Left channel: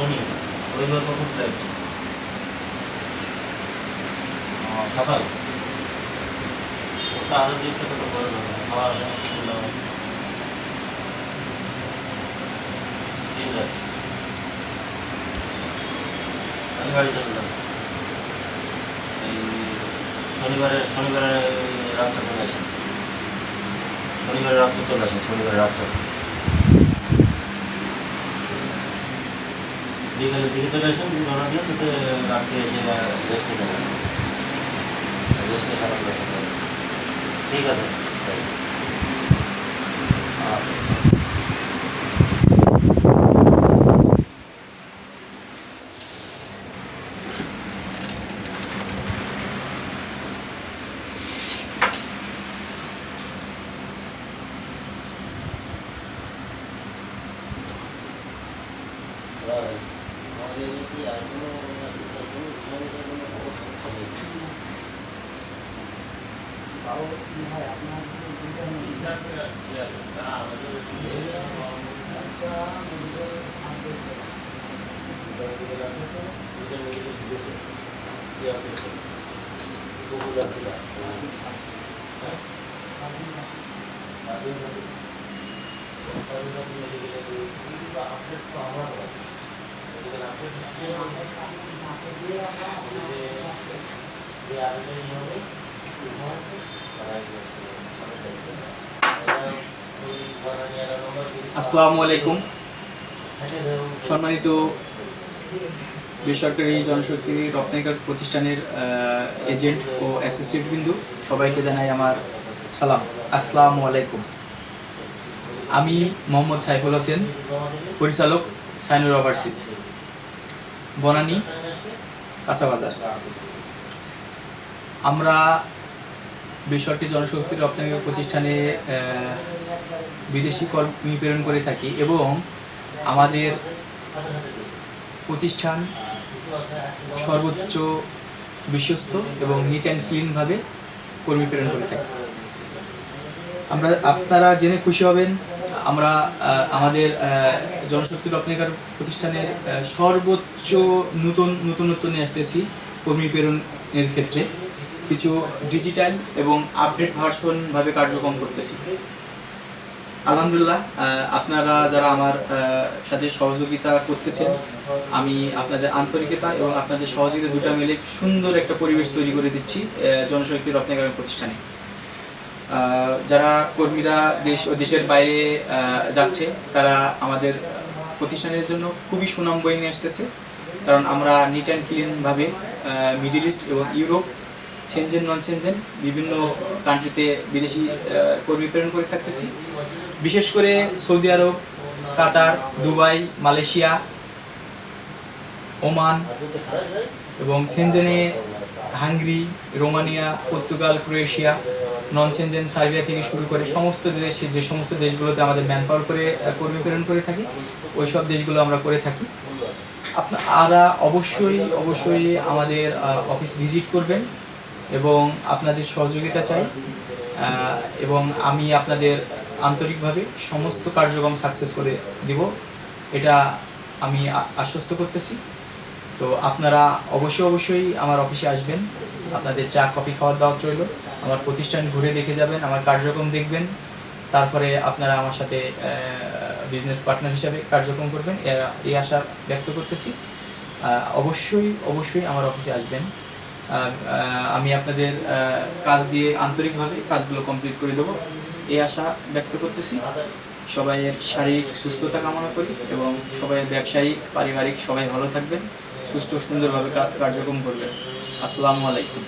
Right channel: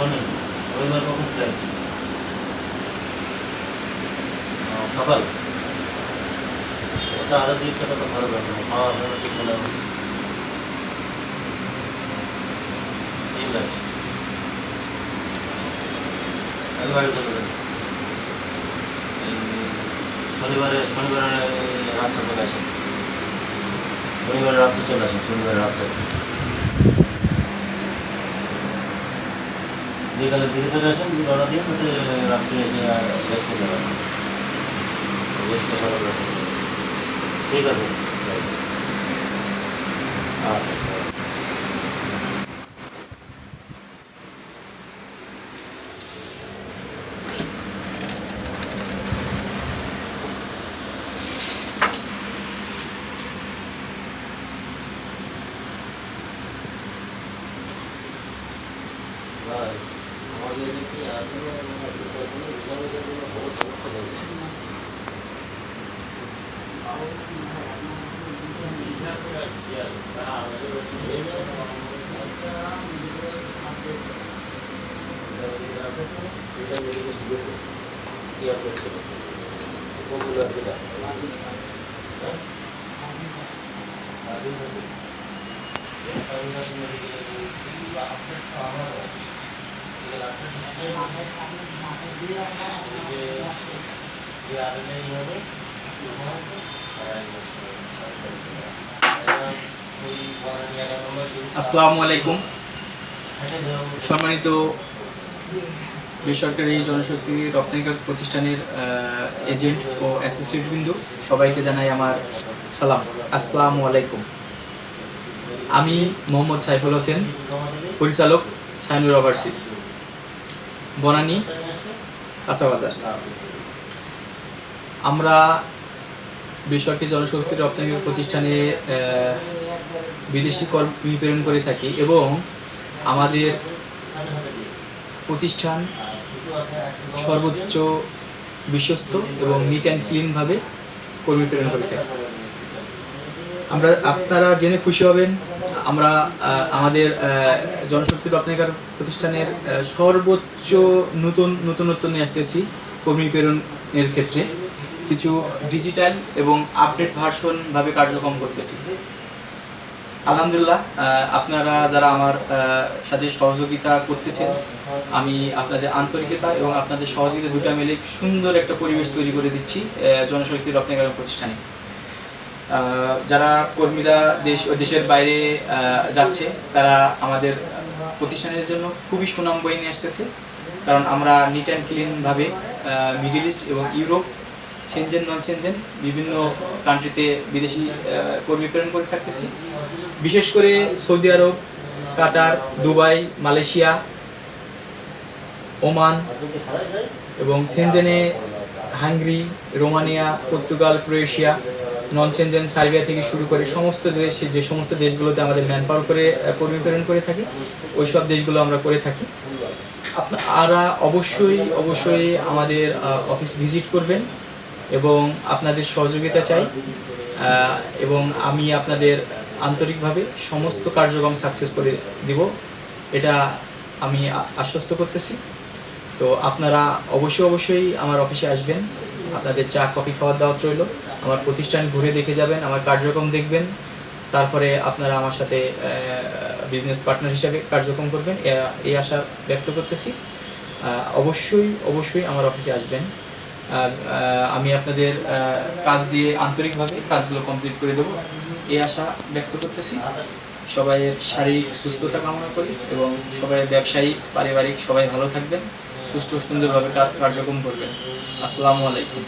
শনি রবিবার কখন ফ্লাইট? সকাল। ওটা আধার দিকটা কত ভালো যাবে না, খাওয়া দাওয়া ঠিক মনে হয় 3 লাখ। আমি বাড়ি চলে যাবো এই শনিবারে রাতটা চলে আসেন, শনিবারে রাত্রে চলে আসেন, শনিবারে রাতটা বিকালের দিকে চলে আসেন, রওনা দিয়ে কিন্তু রাত্রে এসে রেস্ট নিতে পারেন, রেস্টে সকাল আসতে পারেন। ঠিক আছে, আচ্ছা আচ্ছা। ভাই আমাদের কি আগ্রহ আছে তাহলে রিজার্ভের জন্য বড় সমস্যা হয়েছে। আসসালামু আলাইকুম। সম্মানিত বেসরকারি জনশক্তি রপ্তানিকারক প্রতিষ্ঠানের এজেন্ট ও অ্যাসোসিয়েট বিন্দু সবাইকে জানাই আমার সালাম। আসসালামু আলাইকুম। আমি মোহাম্মদ সাইফুল হোসেন, পরিচালক সাইনুর ওভারসিজ, বনানী, কাঁচাবাজার। আমরা বেসরকারি জনশক্তি রপ্তানিকারক প্রতিষ্ঠানে বিদেশি কর্মী প্রেরণ করে থাকি এবং আমাদের প্রতিষ্ঠান সর্বোচ্চ বিশ্বস্ত এবং নিট অ্যান্ড ক্লিনভাবে কর্মী প্রেরণ করে থাকি। আপনারা জেনে খুশি হবেন, আমরা আমাদের জনশক্তি রপ্তানিকারক প্রতিষ্ঠানের সর্বোচ্চ নতুনত্ব নিয়ে আসতেছি। কর্মী প্রেরণের ক্ষেত্রে কিছু ডিজিটাল এবং আপডেট ভার্সনভাবে কার্যক্রম করতেছি। আলহামদুলিল্লাহ, আপনারা যারা আমার সাথে সহযোগিতা করতেছেন, আমি আপনাদের আন্তরিকতা এবং আপনাদের সহযোগিতা দুটা মিলে সুন্দর একটা পরিবেশ তৈরি করে দিচ্ছি জনশক্তি রপ্তানিকারক প্রতিষ্ঠানে। যারা কর্মীরা দেশের বাইরে যাচ্ছে, তারা আমাদের প্রতিষ্ঠানের জন্য খুবই সুনাম বয়ে নিয়ে আসতেছে, কারণ আমরা নিট অ্যান্ড ক্লিনভাবে মিডল ইস্ট এবং ইউরোপ, সেনজেন, নন সেনজেন বিভিন্ন কান্ট্রিতে বিদেশি কর্মী প্রেরণ করে থাকতেছি। বিশেষ করে সৌদি আরব, কাতার, দুবাই, মালয়েশিয়া, ওমান এবং সেনজেনে Hungary, Romania, Portugal, Croatia, non Schengen Serbia থেকে শুরু করে সমস্ত দেশে, যে সমস্ত দেশগুলোতে আমাদের ম্যান পাওয়ার করে কর্মী প্রেরণ করে থাকি, ওই সব দেশগুলো আমরা করে থাকি। আপনারা অবশ্যই আমাদের অফিস ভিজিট করবেন এবং আপনাদের সহযোগিতা চাই, এবং আমি আপনাদের আন্তরিকভাবে সমস্ত কার্যক্রম সাকসেস করে দিব, এটা আমি আশ্বস্ত করতেছি। তো আপনারা অবশ্যই আমার অফিসে আসবেন, আপনাদের চা কফি খাওয়ার দাওয়াত রইল। আমার প্রতিষ্ঠান ঘুরে দেখে যাবেন, আমার কার্যক্রম দেখবেন, তারপরে আপনারা আমার সাথে বিজনেস পার্টনার হিসাবে কার্যক্রম করবেন, এই আশা ব্যক্ত করতেছি। অবশ্যই আমার অফিসে আসবেন। আমি আপনাদের কাজ দিয়ে আন্তরিকভাবে কাজগুলো কমপ্লিট করে দেবো, এই আশা ব্যক্ত করতেছি। সবাইয়ের শারীরিক সুস্থতা কামনা করি এবং সবাই ব্যবসায়িক, পারিবারিক সবাই ভালো থাকবেন, সুস্থ সুন্দরভাবে কার্যক্রম করবেন। আসসালামু আলাইকুম।